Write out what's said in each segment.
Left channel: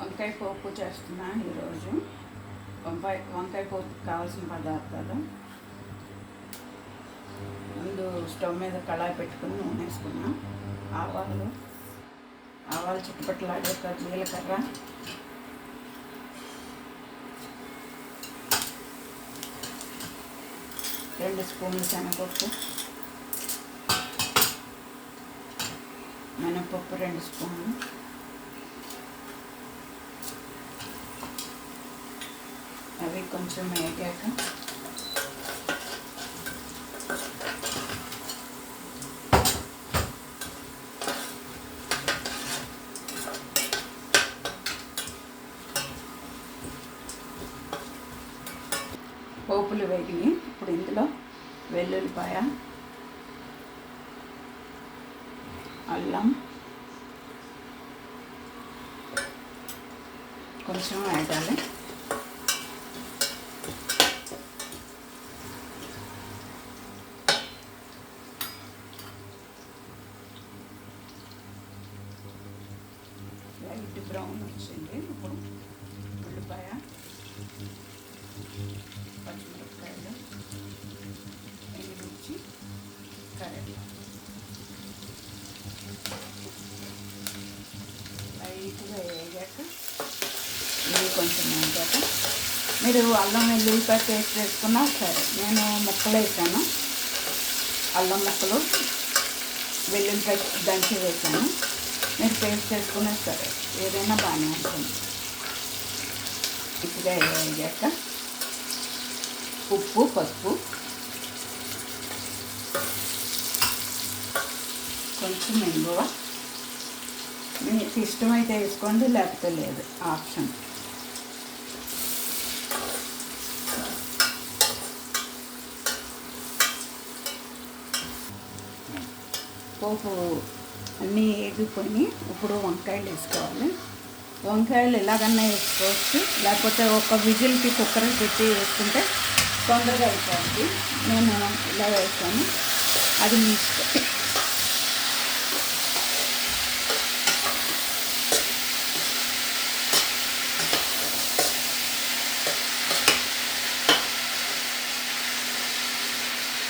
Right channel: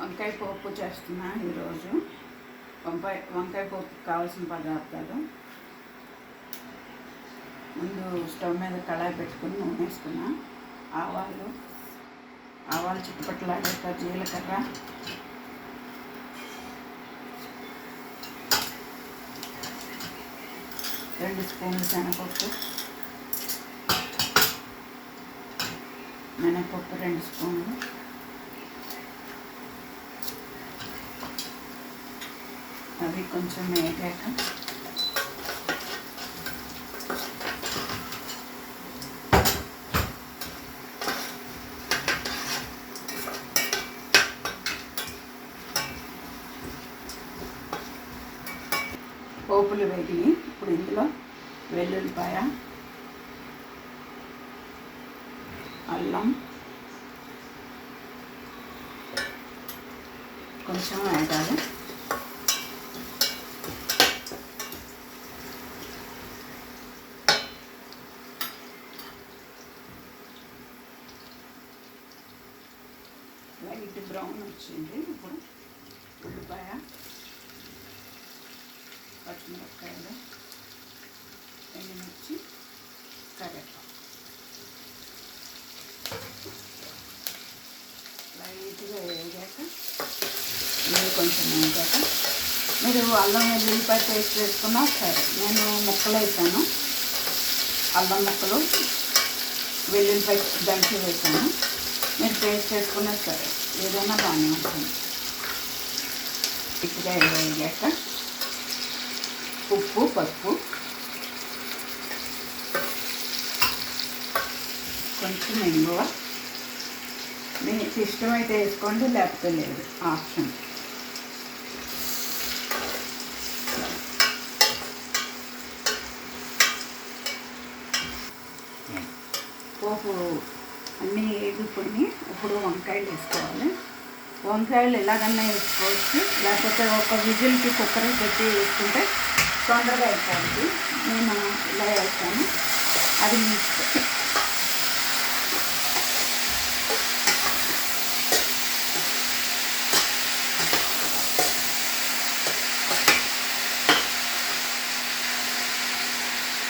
వంకాయ పోపు చేస్తున్నాను ఈరోజు. వంకాయ వంకాయ పోపు కావాల్సిన పదార్థాలు. ముందు స్టవ్ మీద కళాయి పెట్టుకుని నూనె వేసుకున్నాం ఆవాలు ఆవాలు చుట్టుపక్కలాగాక జీలకర్ర. రెండు స్పూన్లు శనగపప్పు. మినపప్పు రెండు స్పూన్లు. కొంచెం వేగాక. పోపులు వేగినాయి ఇప్పుడు ఇందులో వెల్లుల్లిపాయ అల్లం కొంచెం వేగాలి. లైట్ బ్రౌన్ వచ్చింది. ఇప్పుడు ఉల్లిపాయ పచ్చిమిరపకాయలు ఎండుమిర్చి కరెక్ట్ లైట్గా వేగాక ఇవి కొంచెం వేగాక మీరు అల్లం వెల్లుల్లిపాయ పేస్ట్ వేసుకున్నా సరే నేను ముక్కలు వేసాను. అల్లం ముక్కలు వెల్లుల్లిపాయ దంచి వేసాను. మీరు పేస్ట్ చేసుకునే సరే. ఏదైనా బాగానే ఉంటుంది. ఇప్పుడే వేగాక ఉప్పు పసుపు. కొంచెం ఇంగువ మీకు ఇష్టమైతే వేసుకోండి లేకపోతే లేదు. ఆప్షన్. పోపు అన్నీ వేగిపోయి ఇప్పుడు వంకాయలు వేసుకోవాలి. వంకాయలు ఎలాగన్నా వేసుకోవచ్చు. లేకపోతే ఒక విజిల్కి కుక్కర్ పెట్టి వేసుకుంటే తొందరగా అయిపోతుంది. నేను ఇలా వేస్తాను. అది మీ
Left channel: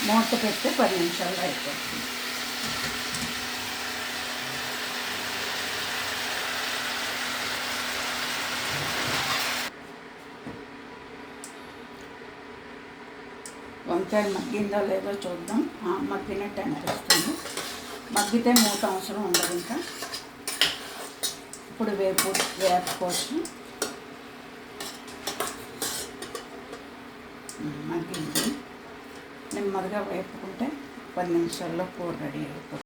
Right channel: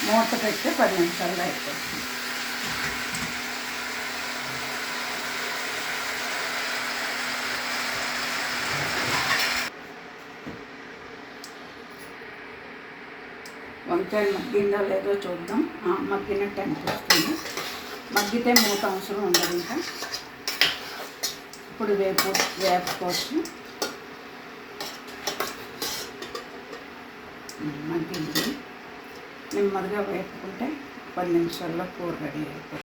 మూత పెట్టి పది నిమిషాలు అయిపోతుంది. వంకాయలు మగ్గిందో లేదో చూద్దాం. మగ్గినట్టు అనిపిస్తుంది మగ్గితే మూత అవసరం ఉండదు ఇంకా. ఇప్పుడు వేపు వేపుకోవచ్చు మగ్గింది. నెమ్మదిగా వేపుకుంటే పది నిమిషాల్లో కూర రెడీ అయిపోతుంది.